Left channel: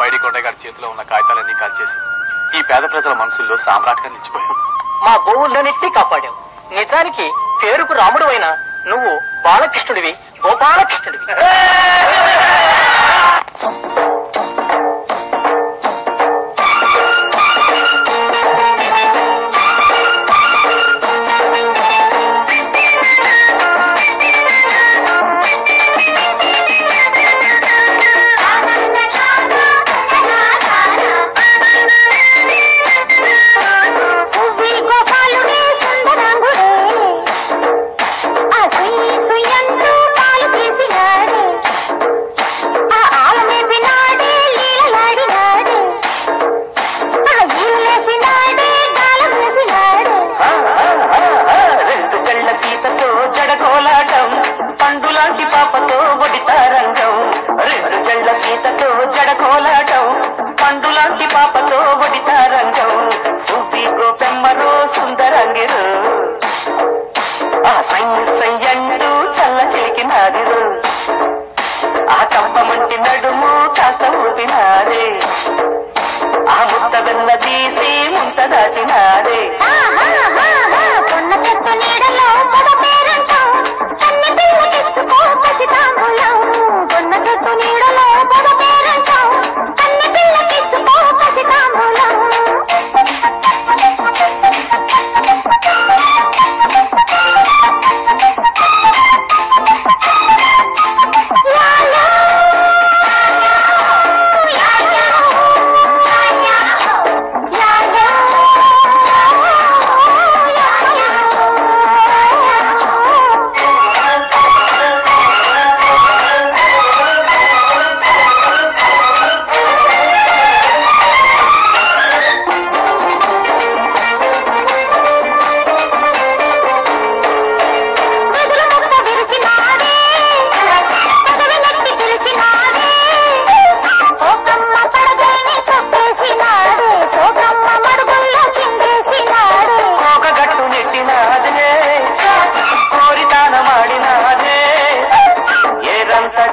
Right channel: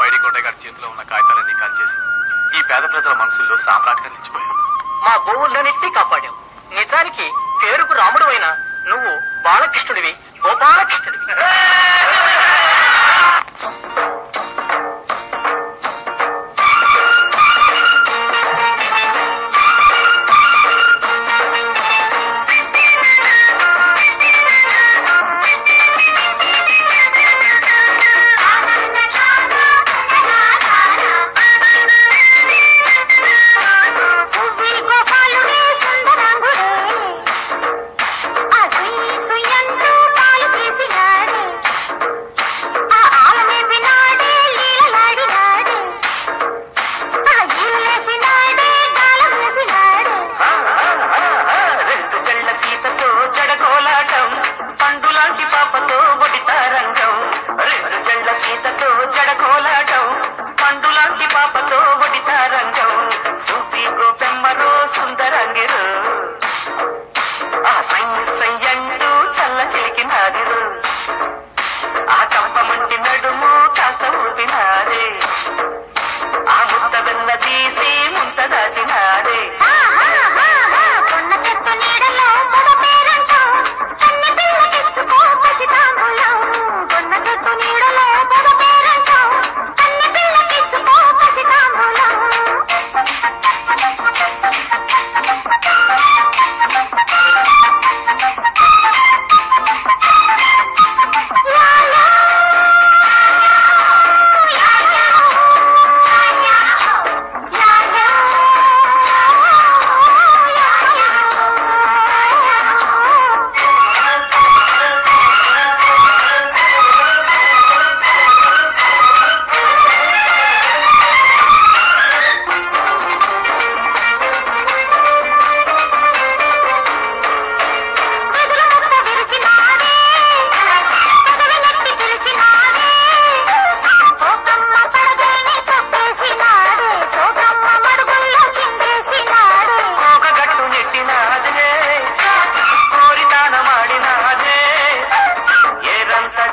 పైడి కొండ గారి చేతిలో ఉన్న కాగితాలన్నీ కాల్చేసి ఈ పేద ప్రజల మనసుల్లో సామ్రాట్గా నిలిచిపోయావు. మా గోవులన్నింటినీ కాపాడావు. నిజానికి పేరుకు రాముడు అయినా నువ్వు బాలకృష్ణుడివి, గోపాలకృష్ణుడివి. పండులాంటి పాపతో వడితారంగం, రెండు జళ్ళ సీతతో జడకోలాటం, పండులాంటి పాపతో వడితారంగం, సూపి గోపెమ్మరో సుందరంగిరు, ఆ సంయంటూ చల్ల చిలికినారు, ఆ కప్పమంటి నడుము కాస్త ఊపినారే, ఆ ముద్ద వెన్న తీసి ముంత దాచినారే. కొన్న చెట్టు నీడలో మగ పేరంటాం, కన్ని పిల్ల తెచ్చుకో పసితాంబులం, కొన్న చెట్టు నీడలో మగ పేరంటాం, కన్ని పిల్ల తెచ్చుకో పసితాంబులం.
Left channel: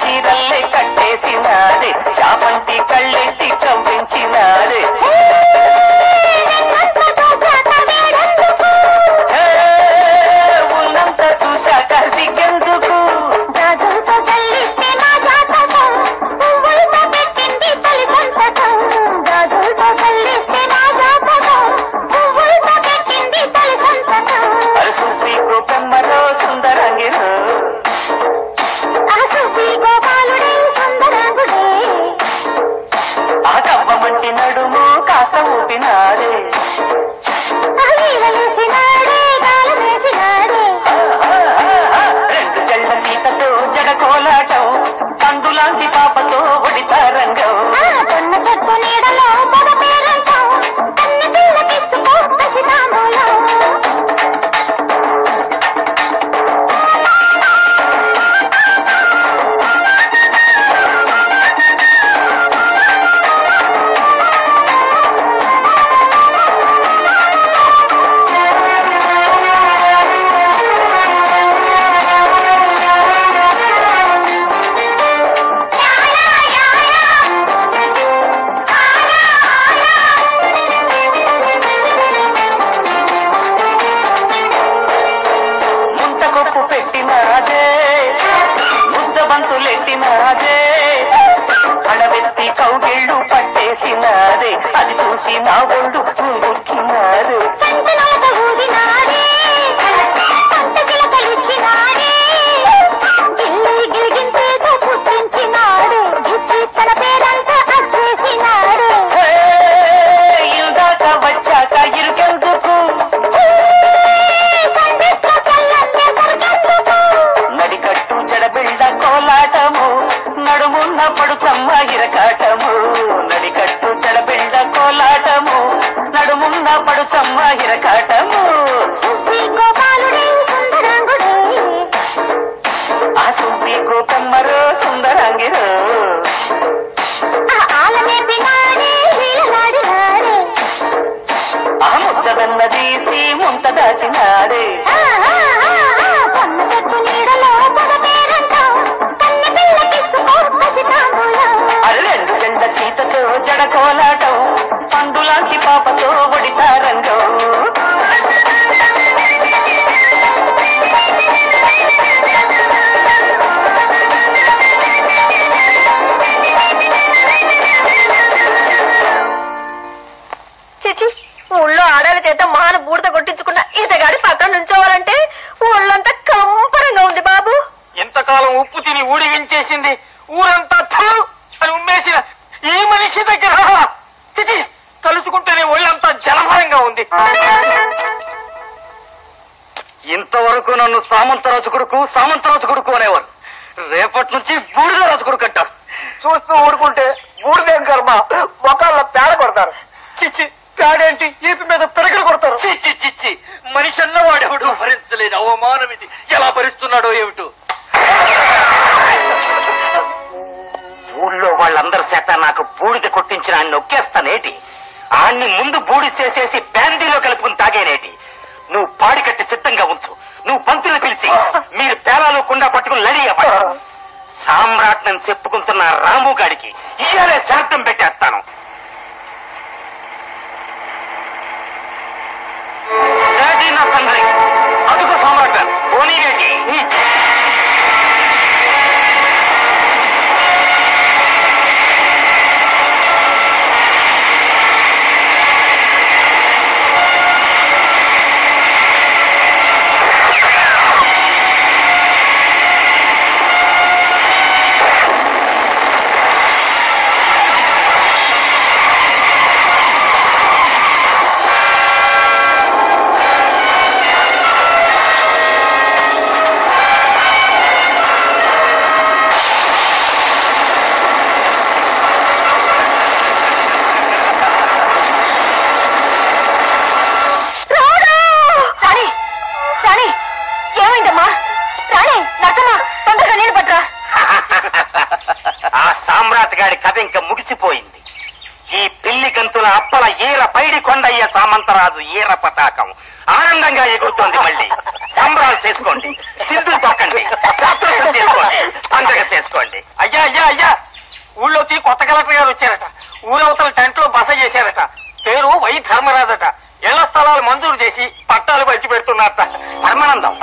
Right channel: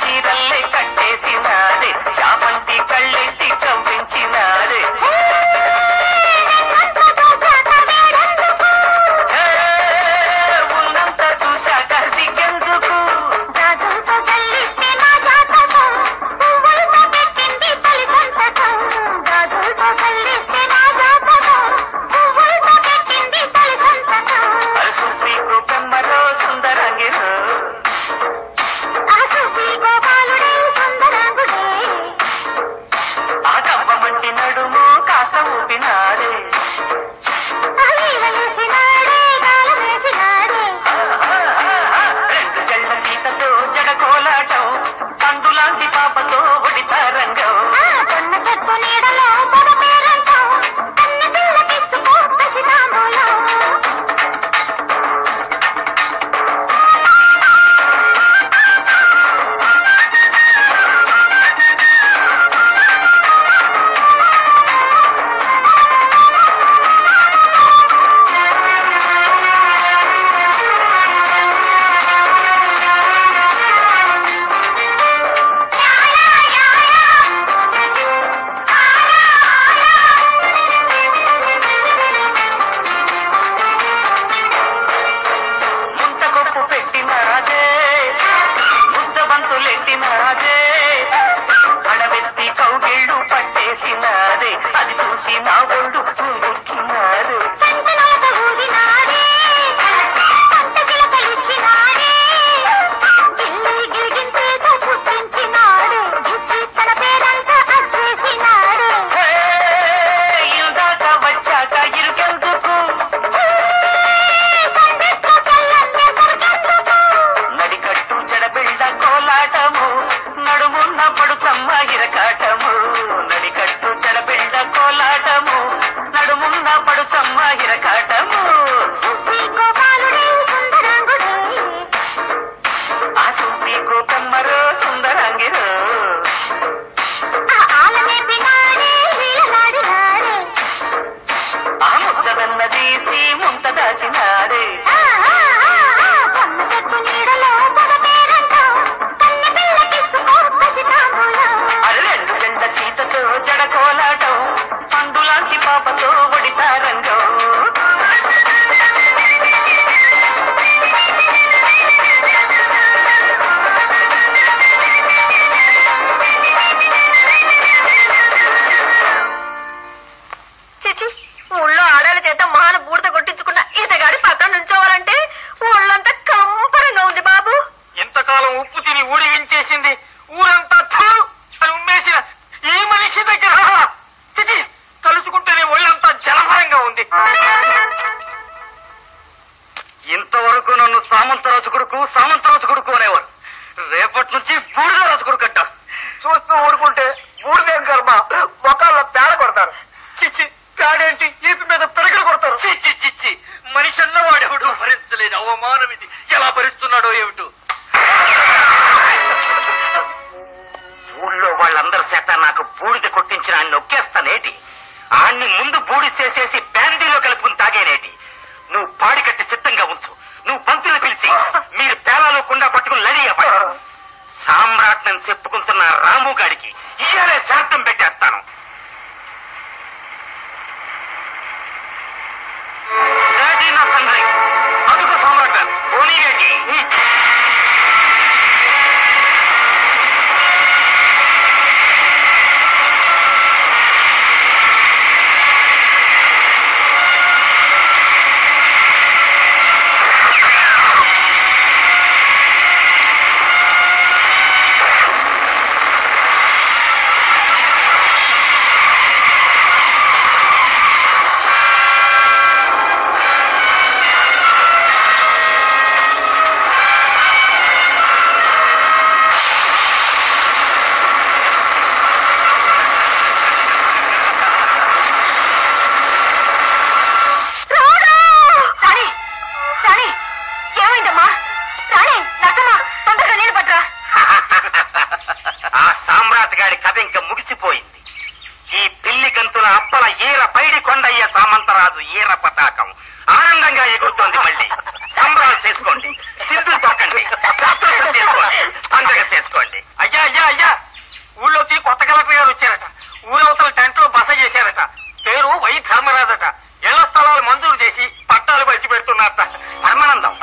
చీరల్లే కట్టేసినారే, శాపంటి కళ్ళెట్టి చంపించినారే, ఉన్నంత చూశాక సిగ్గెందుకు, జాజులతో చల్లిస్తే నా జాతకం, పువ్వులతో పెట్టింది తల్లి సంతకం, జాజులతో చల్లిస్తే నా జాతకం, పువ్వులతో పెట్టింది తల్లి సంతకం. సూపి గోపెమ్మరో సుందరంగిరు, గోపాలుడే సుందరాంగుడే, ఆ కవ్వమంటి నడుము కాస్త ఊపినాడే, వేసినాడే గాలం వేసినాడే, రెండు జళ్ళ సీతతో జడకోలాటం, పండులాంటి పాపతో వడితారంగం, కొన్న చెట్టు నీడలో పద పేరంటాం, కన్ని పిల్ల తెచ్చుకో పసితాంబూలం. అడవెత్తి కౌగిళ్ళు పట్టేసినారే, అది చూసి నా ఒళ్ళు చూస్తున్నాడు, పుట్టించినాడు, తన పేరంతా అచ్చేసినాడు, ఇందాక వచ్చాక ఇరుకెందుకు, నడికట్టు జడబిళ్ళ కోలాటము, నడుమున్న పడుచమ్మ ఇరకాటము, నడికట్టు జడబిళ్ళ కోలాటము, నడుమున్న పడుచమ్మ ఇరకాటము. సూపి గోపాలుడే సుందరాంగుడే, ఆ సూపి గోపమ్మరో సుందరాంగిరు, ఆలనే పినాడే వీలలాడినాడే, ఆ ముద్దదన్న తీసి ముంత దాచినాడే, కొన్న చెట్టు నీడలో పద పేరంటాం, కన్ని పిల్ల తెచ్చుకో పసితాంబూలం. రెండు జంట సీతతో పగడ కోలాటం పండులాంటి పాపతో ఒడితారంగం. చిచి, ఊళ్ళో ఆడాల చేత మహాన బూడిద కొట్టించుకున్న ఇతగాడి పక్కన నుంచోవాలంటే ఊళ్ళంతా కంపరంగా ఉంది బాబు. ఎంతకాలం ఉప్పు తిని ఊడిగించేసింది ఊరంతా ఉమ్మేసిన ఈ మనిషి దగ్గర చిచి తలుచుకుంటేనే ఒళ్ళంతా జలమయంగా ఉంది. ఇంతవరకు నన్ను సామంతరాజు కొడుకు అనేవారు. రేపటి నుంచి బూడిద రాజు కొడుకు అంటారు. చూస్తూ ఊరుకుంటే బూడిదేం కర్మ, మొక్కల్లో పేడ కొడతారు. చిచ్చి, పేడేంటి ఈపి మీద పెరగలు కొడతారు. చిచ్చి చిచ్చి, మనిషి అన్నవాడెవడు భరించలేని అవమానం ఇది. ఎలా భరిస్తున్నాడో ఏమిటో. ఊళ్ళో వాళ్ళందరి చేత నాకు బూడిద కొట్టించిన ఆయన నొక్కేస్తానేటి. ఆయన్ని ముందు బూడి చేసేసి బ్యాండీలో కలుపుకుని తాగేనేటి. నువ్వు పాడి కట్టి సిద్ధంగా ఉంచు. నువ్వు పంతులు పిలిచి మీరు పేలాలో కుండా పట్టుకుని లడియా. సామ్రాట్నని చెప్పుకుంటున్న రాము గాడికి ఇయాలే శాంతం పెట్టేస్తాను. నా తండ్రి అదుగు సామ్రాట్ పోనీరేటి. ముగిసిపోయింది. ఈ పిల్లి గంతుల అప్పల ఈర పైడి కొండయ్య సామంతరాజు ఈర పతాకం ఆనందంగా ఎగురుతోంది. మళ్ళీ సంబరాలు చేసుకోండి, సింధులు తొక్కండి, సంతోషం చేసుకోండి, పండగ చేసుకోండి. అయ్యా అయ్యా అయ్యా, ఊళ్ళోకి కొత్త కలెక్టర్ గారు వచ్చారట. ఊరవతల టెంట్ లో బస చేశారట. పేరు వై ధర్మరాజట. ఇళ్ల స్థలాలు మంజూరు చేసి పట్టాలు పంచి పెడుతున్నారట. పరమానందం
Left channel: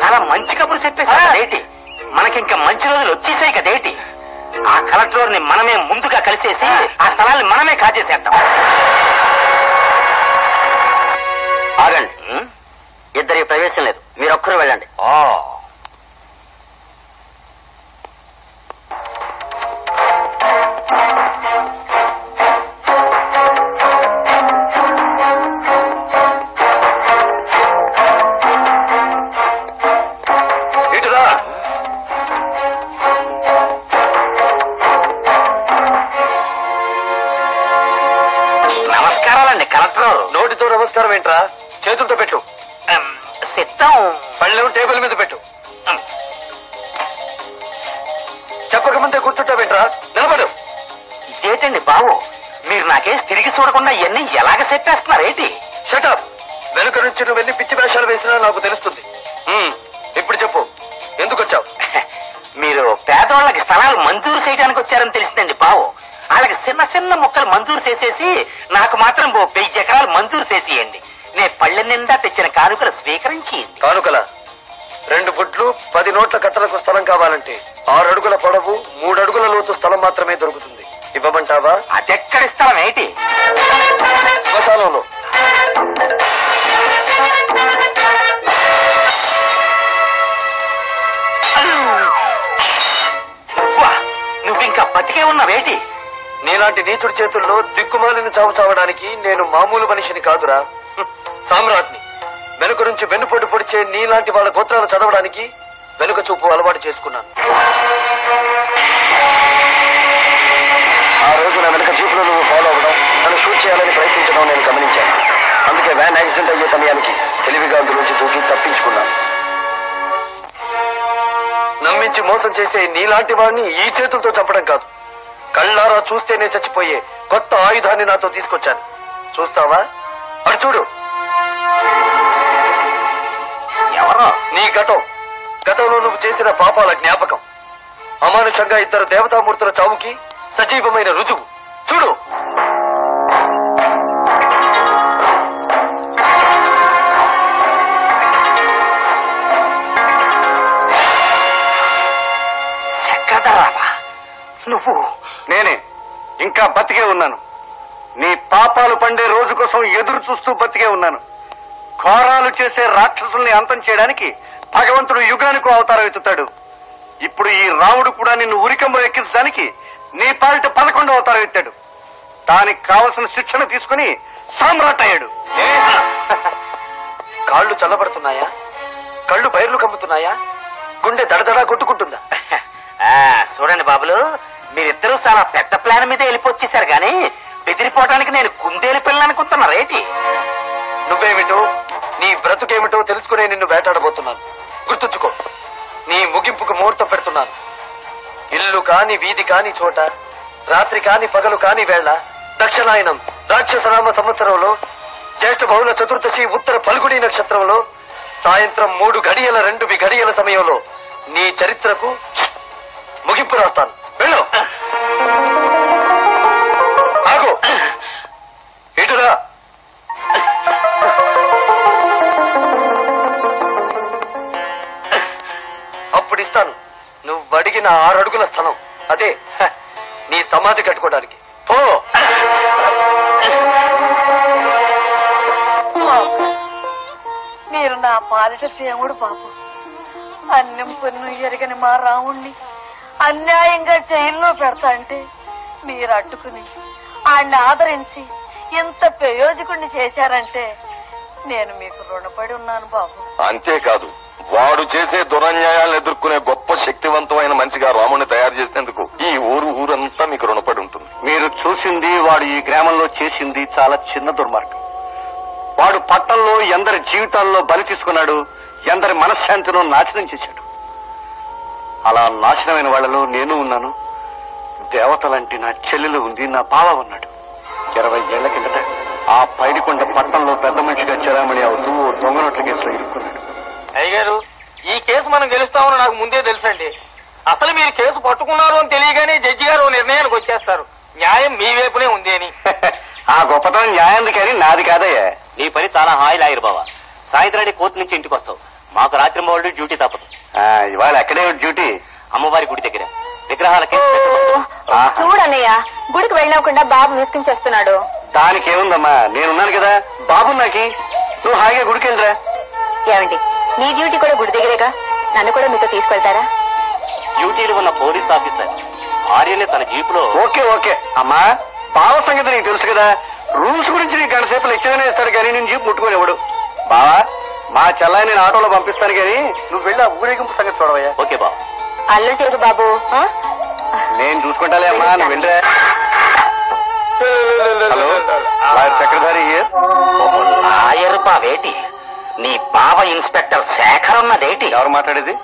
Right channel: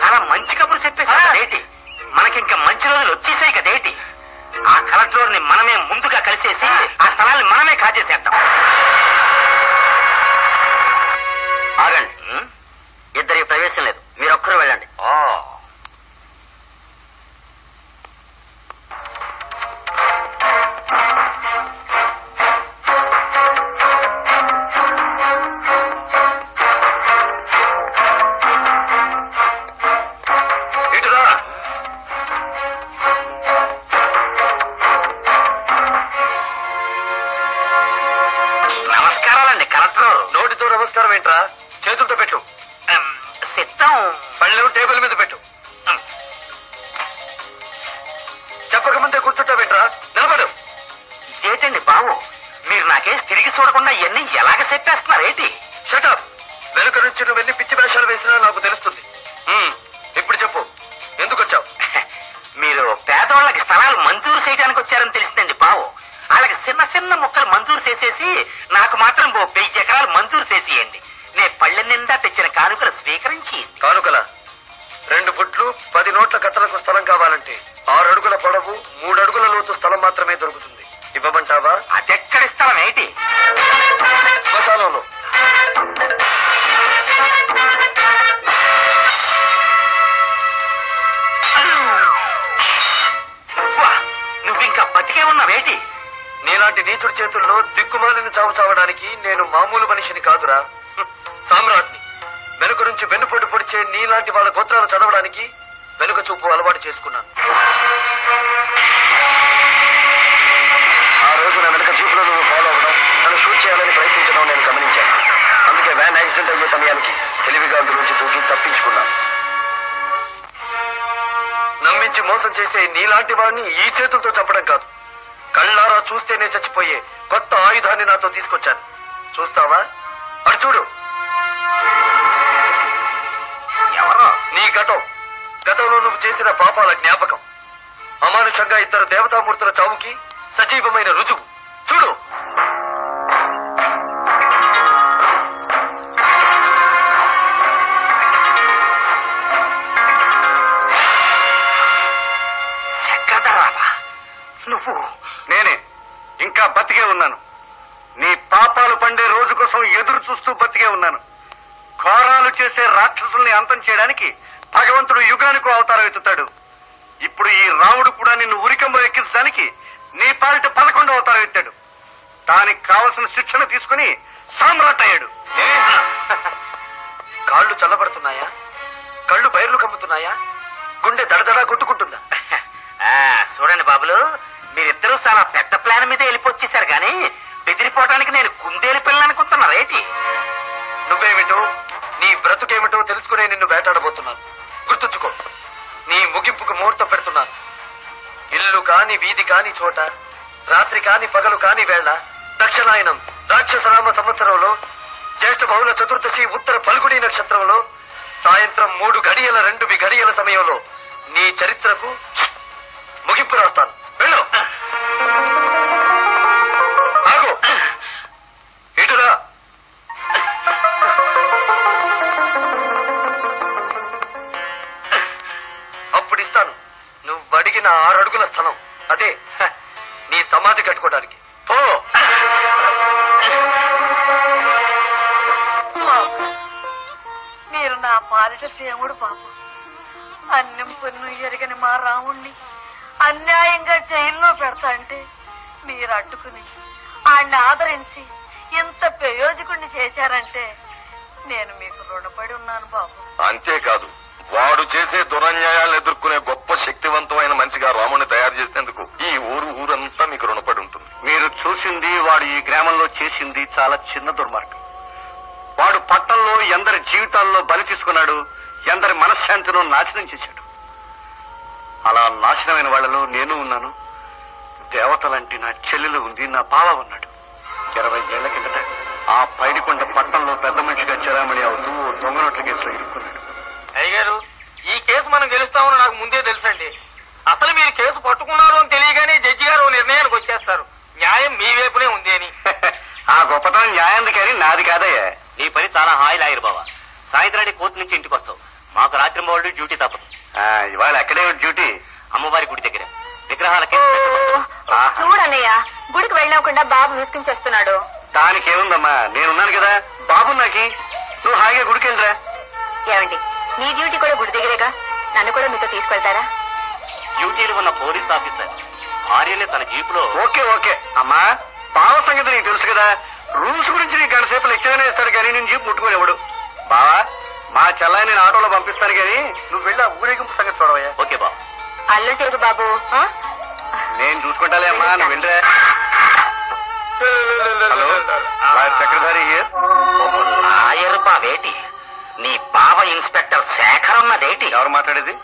చాలా మంచి కబురు చెప్పేసి మనకింకా మంచి రోజులు వచ్చేసాయి కదేటి. ఆ కలెక్టర్ ని మనమే ముందుగా కలిసేసి ఆ స్థలాన్ని మనమే కాజేసేద్దాం. ఆగండి, ఇద్దరికి ప్రవేశం లేదు, మీరొక్కరు వెళ్ళండి. నోటితో నమస్కారం ఏంట్రా, చేతులతో పెట్టు. సిద్ధం. పళ్ళు టేబుల్ మీద పెట్టు. చెప్పకముందే కూర్చుంటావేంట్రా, నిలబడు. ఇదేంటండి బాబు, మీరు నాకేసి తిరిగి చూడకుండా ఇవన్నీ ఎలాగ చెప్పేస్తున్నారేంటి? షటప్. వెనుక నుంచి నువ్వు వెళ్ళి పిచ్చి వేషాలు వేసినా నాకు తెలుస్తుంది. ఇప్పుడు చెప్పు, ఎందుకు వచ్చావు? మీరు పేదవాళ్ళకి స్థలాలు మంజూరు చేయడానికి వచ్చారని తెలిసిందండి బావు. వాళ్ళకి చిన్న చిన్న మొక్కలు మంజూరు చేసేసి నాకు మాత్రం 1000 ఎకరాలు మంజూరు చేసేయండి. నేను పళ్ళ నిండా తెచ్చిన కానుకలు స్వీకరించి. కానుకల 2 ఫుట్లు 10 నోట్ల కట్టలకు స్థలం కావాలంటే 6 అడుగుల పొడవు 3 అడుగుల లోతు స్థలం మాత్రమే దొరుకుతుంది. ఇవ్వమంటావా? అదెక్కడి స్థలం ఏంటి? శ్మశానంలో. నువ్వింకా బతికే ఉన్నావేటి? నీలాంటి నీచుడి చేతుల్లో దిక్కుమాలిని చావు చావడానికి నేను మామూలు మనిషిని కాదురా, సామ్రాట్ని. వెనుక నుంచి వెన్నుపోటు పొడిచే నీలాంటి వాళ్ళ గోత్రాలు చదవడానికి వెనుక చూపు అలవాటు చేసుకున్నాను. ఆ రోజు నా వెనుక చూపులో నువ్వు ఫాలో అవ్వడం, నన్ను షూట్ చేయాలని ప్రయత్నించడం నేను గమనించాను. అందుకే వ్యాన్ యాక్సిడెంట్ అయ్యే సమయానికి తెలివిగా అందులోంచి దూకి తప్పించుకున్నాను. నమ్మించి మోసం చేసే నీలాంటి వాడిని ఈ చేతులతో చంపడం కాదు, కళ్ళారా చూస్తేనే చచ్చిపోయే కొత్త ఆయుధాన్ని నాతో తీసుకొచ్చాను. చూస్తావా? అటు చూడు. ఎవరో? నీ గతంలో నువ్వు చేసిన పాపాల జ్ఞాపకం. అమానుషంగా 2 దేవతామూర్తుల చావుకి సజీవమైన రుజువు. చూడు. కదరావా నువ్వు? నేనే ఇంకా బతికే ఉన్నాను. నీ పాపాలు పండే రోజు కోసం ఎదురు చూస్తూ బతికే ఉన్నాను. ఘోరాలు చేసే రాక్షసుల్ని అంతం చేయడానికి భగవంతుడు యుగానికి అవతారం ఎత్తుతాడు. ఇప్పుడు ఈ రాముడు కూడా నిన్ను ఉరికంబం ఎక్కించడానికి నీ పాలిట 11వ అవతారం ఎత్తాడు. దానికి కావలసిన శిక్షణ తీసుకుని సామ్రాట్ అయ్యాడు. కాళ్ళు చల్లబడుతున్నాయా? కళ్ళు బయర్లు కమ్ముతున్నాయా? గుండె దడదడా కొట్టుకుంటుందా? చూడండి బాబులు, మీరిద్దరూ చాలా పెద్ద ప్లాన్ మీద వెళ్ళిపోచ్చేశారు గాని బెదిరిపోవడానికి నేను కుందేలు పిల్ల అనుకుంటున్నారేటి? నువ్వేమిటో నీ బ్రతుకేమిటో తెలుసుకునే నిన్ను వేటాడబోతున్నాను. గుర్తుంచుకో, నీ ముగింపుకు ముహూర్తం పెడుతున్నాను. ఇల్లు కాని వీధి కాని చోట, రాత్రి కాని పగలు కాని వేళ, దక్షిణాయనం రాక్షసనామ సంవత్సరంలో జ్యేష్ఠ బహుళ చతుర్దశి ఉత్తర పల్గుడి నక్షత్రంలో సాయంత్రం 3:02 సమయంలో నీ చరిత్రకు ముగింపు రాస్తాను. వెళ్ళు. ఆగు. ఇటురా. అప్పుడు ఇస్తాను నువ్వు అడిగిన 6 అడుగుల స్థలం. అదే నీ సమాధి కట్టుకోవడానికి. ఓ మీరు నా పాలిట దేవుడు బాబు. అన్నం పున్ను ఎరగని మా రాముణ్ణి అన్యాయంగా జైల్లో పెడతా అంటే మీరు అడ్డుకుని ఆయన్ని ఆదరించి ఇంత ప్రయోజకుడిని చేశారంటే నేను మీకు రుణపడి ఉన్నాను బాబు. అంతేకాదు, వాడు చేసే దురన్యాయాలను ఎదుర్కొనే గొప్ప శక్తివంతమైన మనిషిగా రాముని తయారు చేసేందుకు ఈ ఊరంతా మీకు రుణపడి ఉంటుంది. మీరు చూసింది వాడు ఈ గ్రామంలో చేసింది చాలా చిన్న దుర్మార్గం. వాడు పట్టణంలో ఎందరి జీవితాల్లో బలి తీసుకున్నాడు, ఎందరి మనశ్శాంతిను నాశనం చేశాడు. అలా నాశనమైన వాళ్లలో నేను ఉన్నాను. దేవతలంటే నా చెల్లెలు ఉంది, నా బావ ఉన్నాడు. 20 ఏళ్ల కిందట ఆ పైడికొండ పట్టణంలో పెద్ద మనిషిగా చెరామణి అవుతూ దొంగ నోట్ల కేసులో ఇరుక్కున్నాడు. అయ్యగారు, ఈ కేసు మనం గెలుస్తామని నాకు ముందే తెలుసండి. అసలు మీరు కేసు పట్టుకున్నారు అని తెలియగానే జడ్జి గారు నిర్ణయానికి వచ్చేస్తారు. న్యాయం మీ వైపునే ఉంది అని. ఆ గొప్పతనం న్యాయంది కానీ నాది కాదయ్యా. నీ పని చాలా హాయి లాయరు బావా. సాయంత్రాన్ని కోర్టు నుంచి ఇంటికి వస్తావు. మాకు రాత్రి మౌళ్ళు డ్యూటీ తప్పదు. ఇవాళ ఎక్కడే డ్యూటీ? అమ్మవారి గుడి దగ్గర విగ్రహాలకి. చూడన్నయ్య, గుడికి వెళ్ళకుండా బాబు మిస్కింగ్ చేస్తున్నాడు. దానికేముందమ్మా, నేనున్నాను కదా. బాబు నాకి, నువ్వు హాయిగా గుడికి వెళ్ళరా. ఏమండి, మీ డ్యూటీ కూడా గుడి దగ్గరేగా, నన్ను కూడా మీతో తీసుకెళ్తారా? డ్యూటీలో ఉన్న పోలీస్ ఆఫీసర్ ఆర్యని తన జీపులో. ఓకే ఓకే అమ్మా, బావ సంగతి నీకు తెలుసు కదా. రూల్స్ గురించి నీకు గంట సేపు లెక్చర్ ఇస్తాడు కానీ నేను జీపు ముట్టుకొని ఇవ్వడు. బావా, మా చెల్లాయి నేను ఆటోలో పంపిస్తాను కానీ నువ్వు వెళ్ళి ఆ ఊరేగింపు సంగతి చూడవయ్యా. ఓకే బాబు. అల్లు చేయదు బాబు. నేను చూసుకుంటాలే అమ్మా, నువ్వు వెళ్ళరా. హలో, చక్రధారి లాయరు బావేటి? నీ బావ ఇన్స్పెక్టర్ శేఖర్ ఉన్నదేటి? ఎవరు మాట్లాడేది?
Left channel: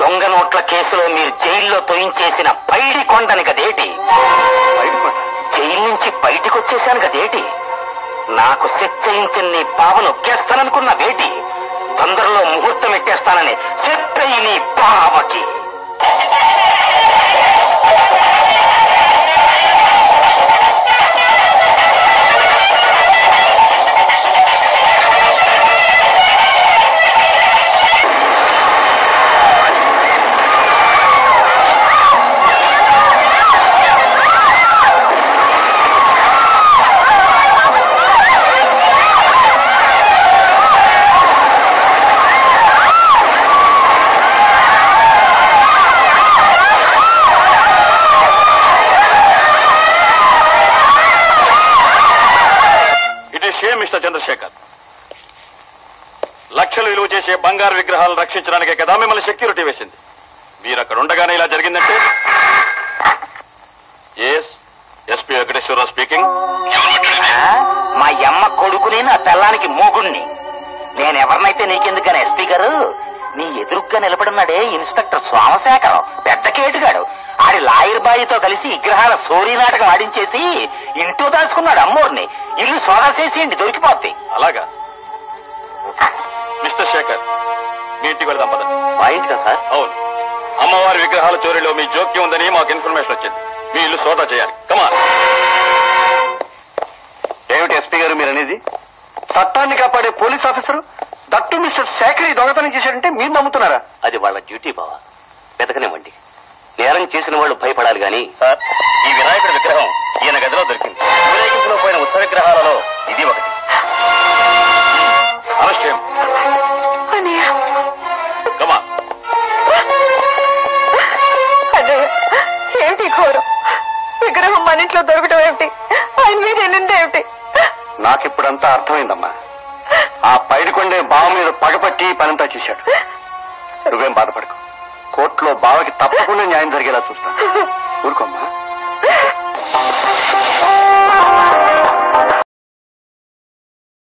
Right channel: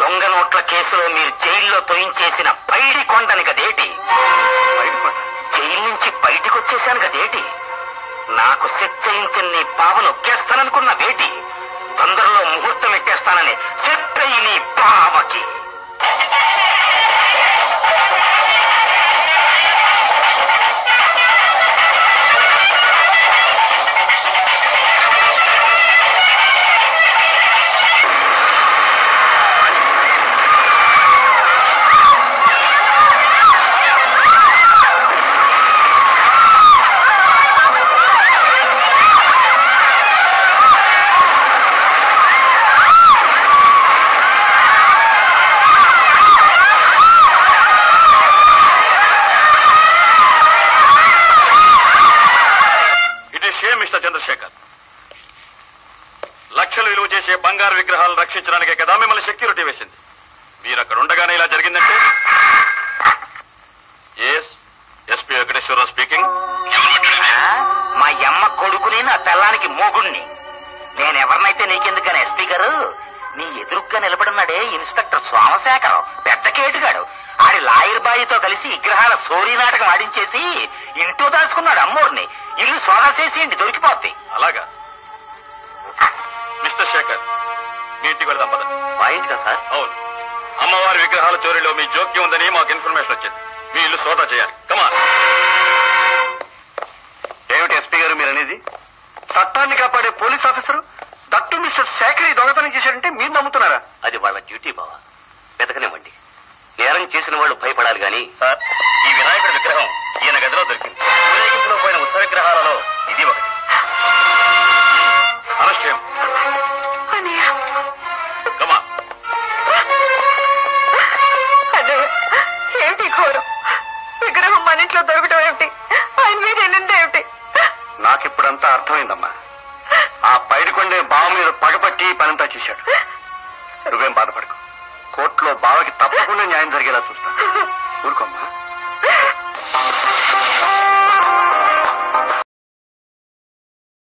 దొంగ నోట్ల కేసులో మీరు జైల్లో తొయించేసిన పైడి కొండని కదేటి? జైలు నుంచి బయటికి వచ్చేశాను కదేటి? నాకు సెట్ చేయించిన నీ బావను నొక్కేస్తాననుకున్న వేటి? తొందరలో ముహూర్తం ఎక్కేస్తానని సెట్ అయ్యి నీ బావకి. మిస్టర్ చంద్రశేఖర్, లక్షలు విలువ చేసే బంగారు విగ్రహాలను రక్షించడానికే కదా మిమ్మల్ని సెక్యూరిటీ వేసింది. మీరు అక్కడ ఉండగానే ఇలా జరిగిందంటే? SP Venkateswara Rao speaking. మా యమ్మ కొడుకుని నా పిల్లానికి మోగుణ్ణి. నేనెవరినైతే నీకెందుకని ఎస్పీ గారు, నీ ఎదురుగ్గా నిలబడినాడే ఇన్స్పెక్టర్ సోమశేఖరం, పెద్ద కేటుగాడు. ఆడి లాయర్ బాయితో కలిసి విగ్రహాల సోరీ నాటకం ఆడించేసి ఇంట్లో దాచుకున్నాడు అమ్మోర్ని. ఇల్లు సోదా చేసి దొరికిపోద్ది. అలాగా మిస్టర్ శేఖర్, మీ ఇంటికి వెళ్దాం పద. మా ఇంటికా సార్? అవును, అమ్మవారి విగ్రహాల చోరీలో మీ జోక్యం ఉందని మాకు ఇన్ఫర్మేషన్ వచ్చింది. మీ ఇల్లు సోదా చేయాలి. కమాన్. ఏమిటి ఎస్పీ గారు మీరు అనేది? చట్టాన్ని కాపాడే police officer that mister Sekhar దొంగతనం చేశాడంటే మీరు నమ్ముతున్నారా? అది వాళ్ళ డ్యూటీ బావా, వెతకనివ్వండి. నేరం చేసిన వాళ్ళు భయపడాలి గాని. సార్, ఈ వినాయకుడి విగ్రహం ఈయన గదిలో దొరికింది. ఊరేగింపులో పోయిన ఉత్సవ విగ్రహాలలో ఇది ఒకటి. అనష్టం అన్నయ్య ఏమిటి ఘోరం? విగ్రహం మన ఇంట్లో దొరకటం ఏమిటి? ఆయన మీద ఎన్నింది ఏమిటి? నాకిప్పుడంతా అర్థమైందమ్మా. ఆ పైడికొండే బావ మీద పగపట్టి పనంతా చేశాడు. నువ్వేం బాధపడకు. కోర్టులో బావకి తప్పకుండా న్యాయం జరిగేలా చూస్తాను. ఊరుకోమ్మా.